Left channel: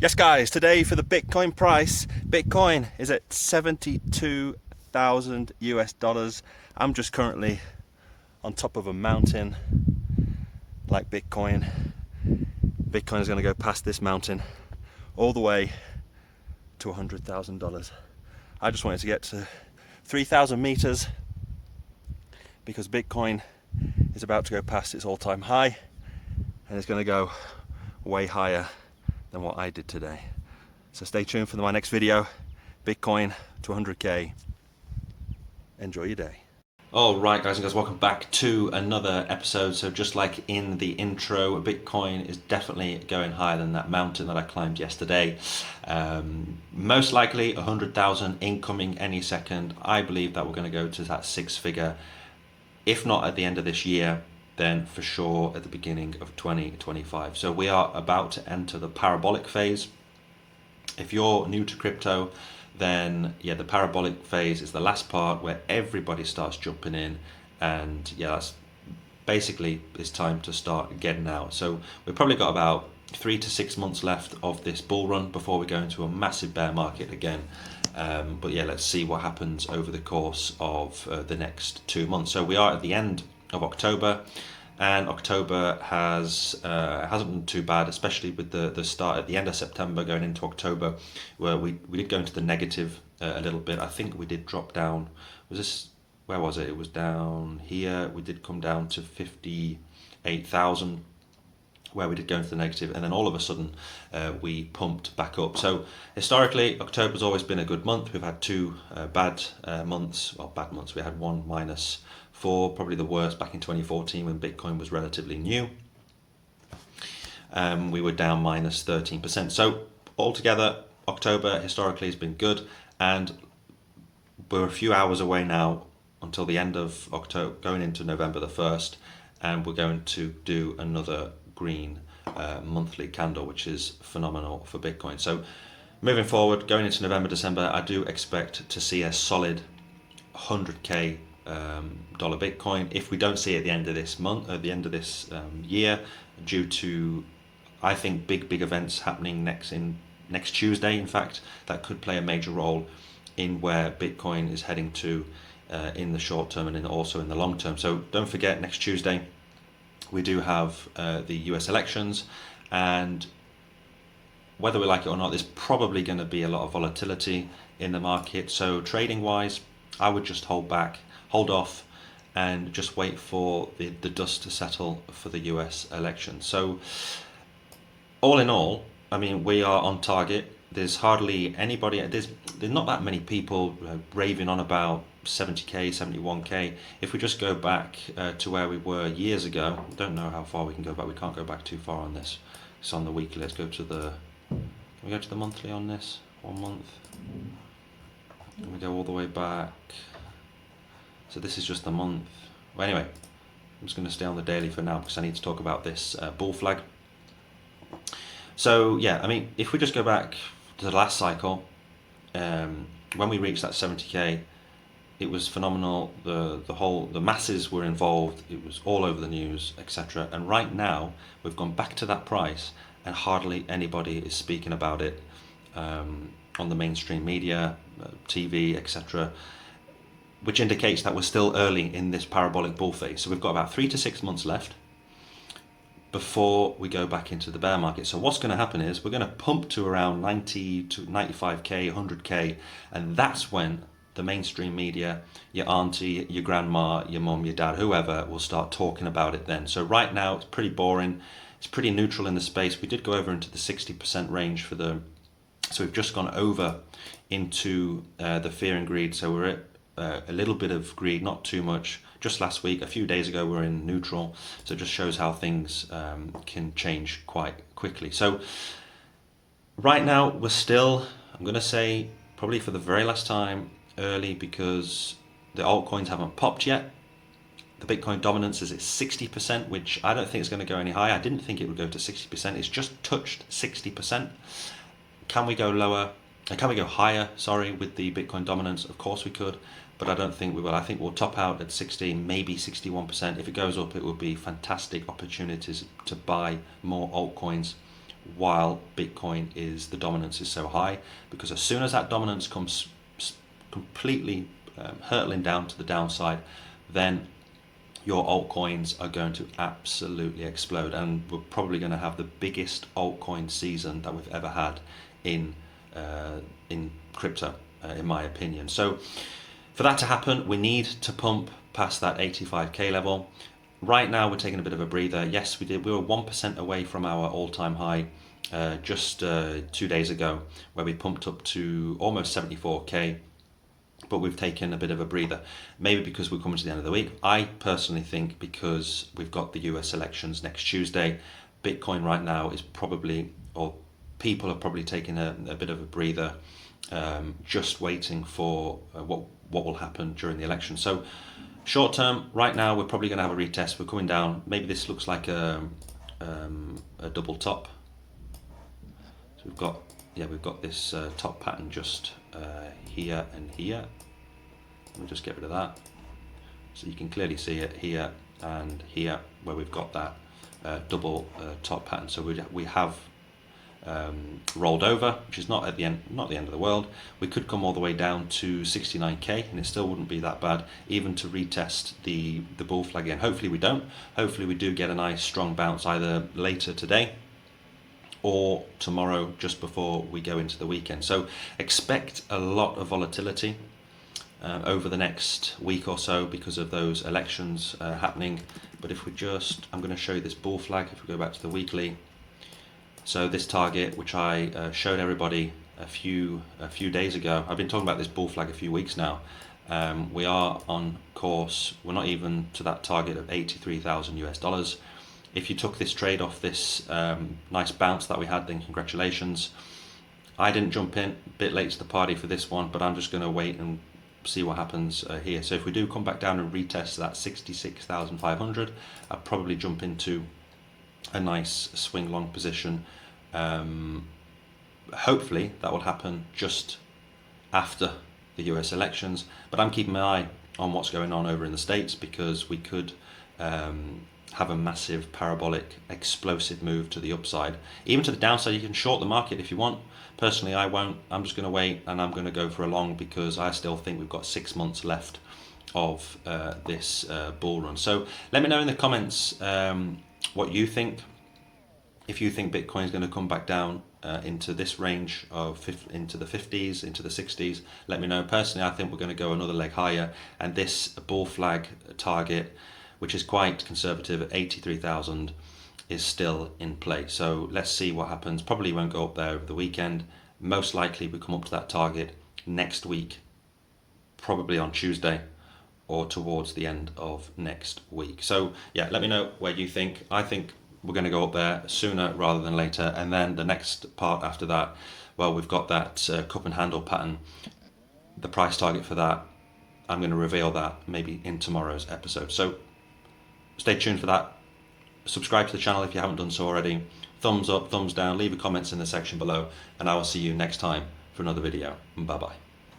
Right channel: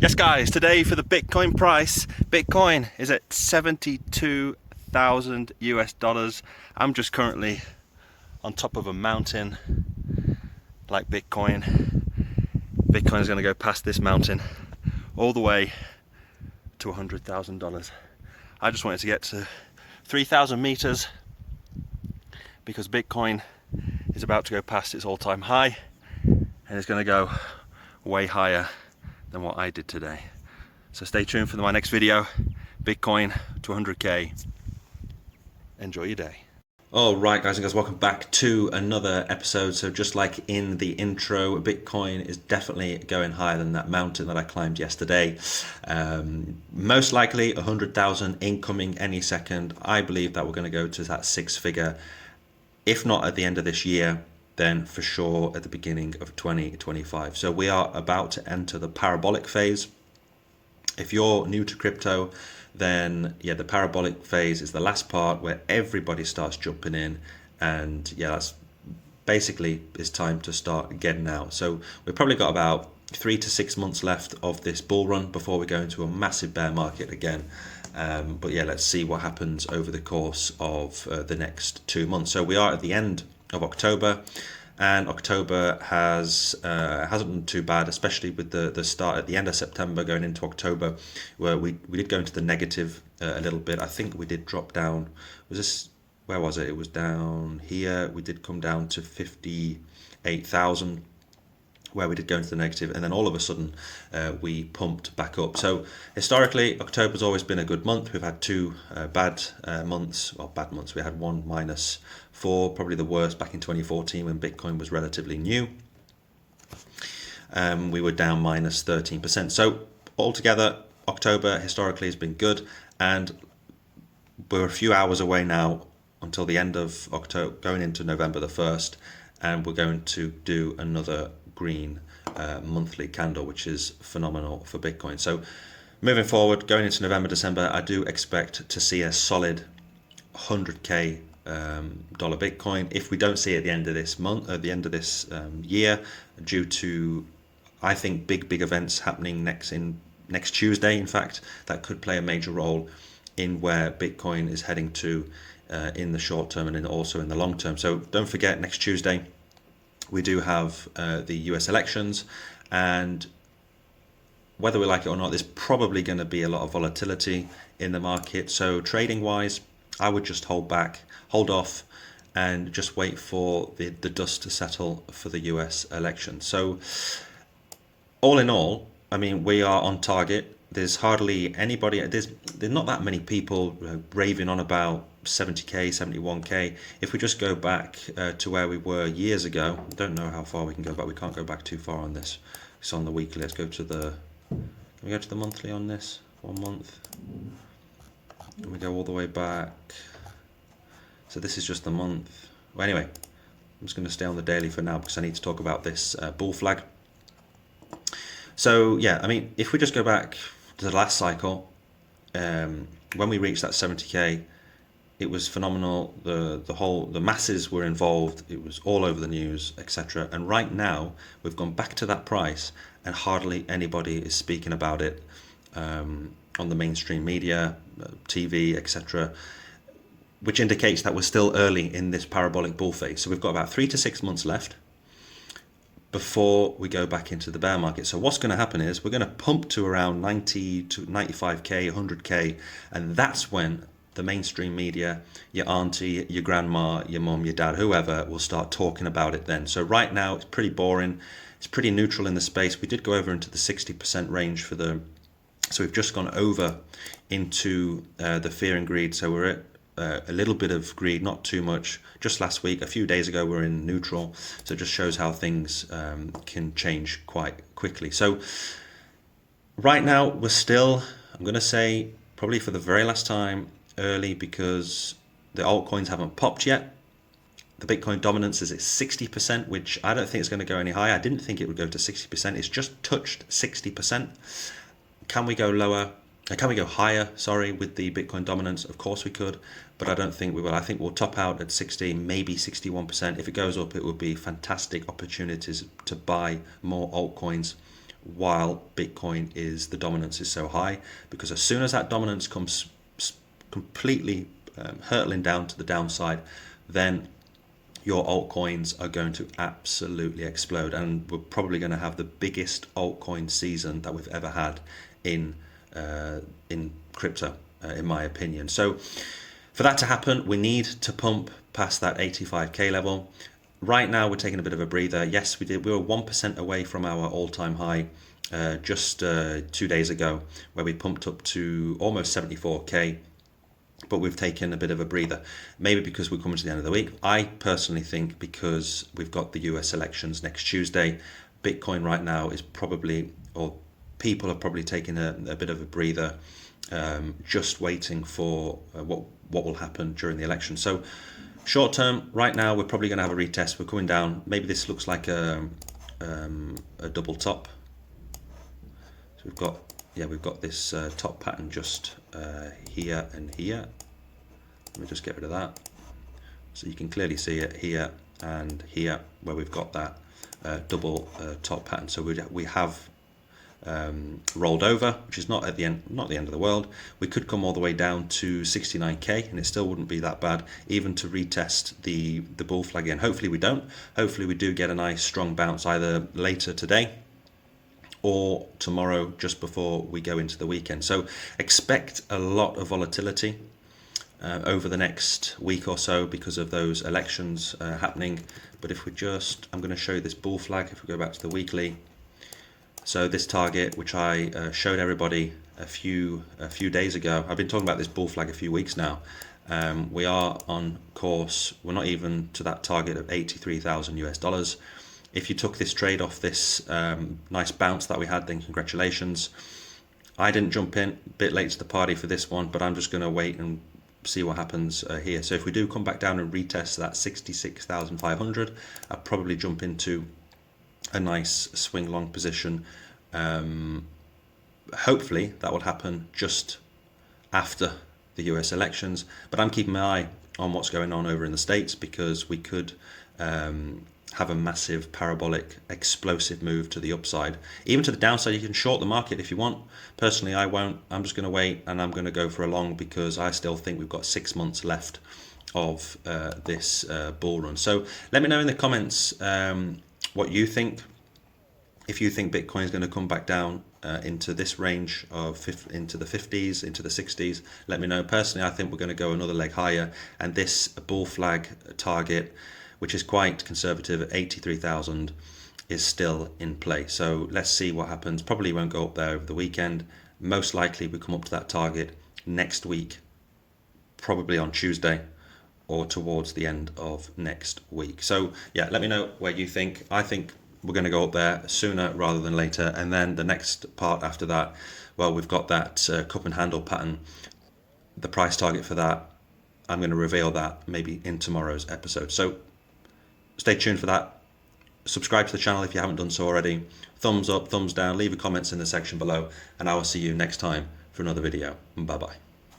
Yes guys, today for the Bitcoin price, Bitcoin is at 72,000 US dollars. I'm just currently on top of a mountain like Bitcoin. Bitcoin is going to go past this mountain all the way to $100,000. I just wanted to get to 3,000 meters because Bitcoin is about to go past its all-time high and it's going to go way higher than what I did today. So stay tuned for my next video. Bitcoin to 100k. Enjoy your day. All right, guys and girls, welcome back to another episode. So just like in the intro, Bitcoin is definitely going higher than that mountain that I climbed yesterday. Most likely 100,000 incoming any second. I believe that we're going to go to that six figure, if not at the end of this year, then for sure at the beginning of 2025. So we are about to enter the parabolic phase. If you're new to crypto, then yeah, the parabolic phase is the last part where everybody starts jumping in, and yeah, that's basically it's time to start getting out. So we've probably got about 3 to 6 months left of this bull run before we go into a massive bear market again. But yeah, let's see what happens over the course of the next 2 months. So we are at the end of October, and October hasn't been too bad, especially with the start at the end of September going into October, where we did go into the negative a little bit. I think we did drop down. Where was it? It was down here. We did come down to 58,000, where we did go into the negative, and then all of a sudden we pumped back up. So historically, October's always been a good month. We've had two bad months. Well, bad months. We had one -4, probably the worst back in 2014 when Bitcoin was relatively new. We were down -13%. So altogether, October historically has been good, and we're a few hours away now until the end of October, going into November the 1st, and we're going to do another green monthly candle, which is phenomenal for Bitcoin. So moving forward, going into November, December, I do expect to see a solid 100k dollar Bitcoin. If we don't see it at the end of this month, at the end of this year, due to I think big events happening next Tuesday, in fact, that could play a major role in where Bitcoin is heading to in the short term and also in the long term. So don't forget, next Tuesday we do have the US elections, and whether we like it or not, there's probably going to be a lot of volatility in the market. So trading wise, I would just hold off and just wait for the dust to settle for the US election. So all in all, I mean, we are on target. There's hardly anybody, there's not that many people raving on about 70k, 71k. If we just go back to where we were years ago, I don't know how far we can go back. We can't go back too far on this. It's on the weekly. Let's go to can we go to the monthly on this? 1 month. And we go all the way back. So this is just the month. Well, anyway, I'm just going to stay on the daily for now because I need to talk about this bull flag. So yeah, I mean, if we just go back to the last cycle, when we reached that 70k, it was phenomenal. The masses were involved. It was all over the news, etc. And right now, we've gone back to that price, and hardly anybody is speaking about it on the mainstream media, TV, etc. Which indicates that we're still early in this parabolic bull phase. So we've got about 3 to 6 months left before we go back into the bear market. So what's going to happen is we're going to pump to around 90 to 95k, 100k, and that's when the mainstream media, your auntie, your grandma, your mom, your dad, whoever, will start talking about it then. So right now it's pretty boring. It's pretty neutral in the space. We did go over into the 60% range so we've just gone over into the fear and greed. So we're at a little bit of greed, not too much. Just last week, a few days ago, we're in neutral. So it just shows how things can change quite quickly. So right now, we're still, I'm going to say, probably for the very last time, early, because the altcoins haven't popped yet. The Bitcoin dominance is at 60%, which I don't think is going to go any higher. I didn't think it would go to 60%. It's just touched 60%. Can we go lower? Can we go higher, with the Bitcoin dominance? Of course we could, but I don't think we will. I think we'll top out at 60, maybe 61%. If it goes up, it would be fantastic opportunities to buy more altcoins while Bitcoin the dominance is so high, because as soon as that dominance comes completely hurtling down to the downside, then your altcoins are going to absolutely explode, and we're probably going to have the biggest altcoin season that we've ever had in crypto, in my opinion. So for that to happen, we need to pump past that 85k level. Right now, we're taking a bit of a breather. Yes, we were 1% away from our all-time high just 2 days ago, where we pumped up to almost 74k. But we've taken a bit of a breather, maybe because we're coming to the end of the week. I personally think because we've got the US elections next Tuesday, Bitcoin right now is probably, or people have probably taken a bit of a breather, just waiting for what will happen during the election. So short term, right now, we're probably going to have a retest. We're coming down. Maybe this looks like a double top. So we've got this top pattern just here and here. Let me just get rid of that. So you can clearly see it here and here, where we've got that double top pattern. So we have rolled over, which is not the end of the world. We could come all the way down to 69k, and it still wouldn't be that bad, even to retest the bull flag again. Hopefully we don't. Hopefully we do get a nice strong bounce either later today or tomorrow, just before we go into the weekend. So expect a lot of volatility over the next week or so because of those elections happening. But if I'm going to show you this bull flag. If we go back to the weekly, so this target, which I showed everybody a few days ago, I've been talking about this bull flag a few weeks now. We are on course. We're not even to that target of $83,000 US. If you took this trade off this nice bounce that we had, then congratulations. I didn't jump in, a bit late to the party for this one, but I'm just going to wait and see what happens here. So if we do come back down and retest that 66,500, I'll probably jump into a nice swing long position. Hopefully that will happen just after the US elections, but I'm keeping my eye on what's going on over in the States, because we could have a massive parabolic explosive move to the upside. Even to the downside, you can short the market if you want. Personally, I won't. I'm just going to wait, and I'm going to go for a long, because I still think we've got 6 months left of this bull run. So let me know in the comments what you think. If you think Bitcoin is going to come back down into this range of into the 50s, into the 60s, let me know. Personally, I think we're going to go another leg higher, and this bull flag target, which is quite conservative at 83,000, is still in play. So let's see what happens. Probably won't go up there over the weekend. Most likely we come up to that target next week, probably on Tuesday or towards the end of next week. So yeah, let me know where you think. I think we're going to go up there sooner rather than later. And then the next part after that, well, we've got that cup and handle pattern. The price target for that, I'm going to reveal that maybe in tomorrow's episode. So stay tuned for that. Subscribe to the channel if you haven't done so already. Thumbs up, thumbs down, leave your comments in the section below, and I will see you next time for another video. Bye bye.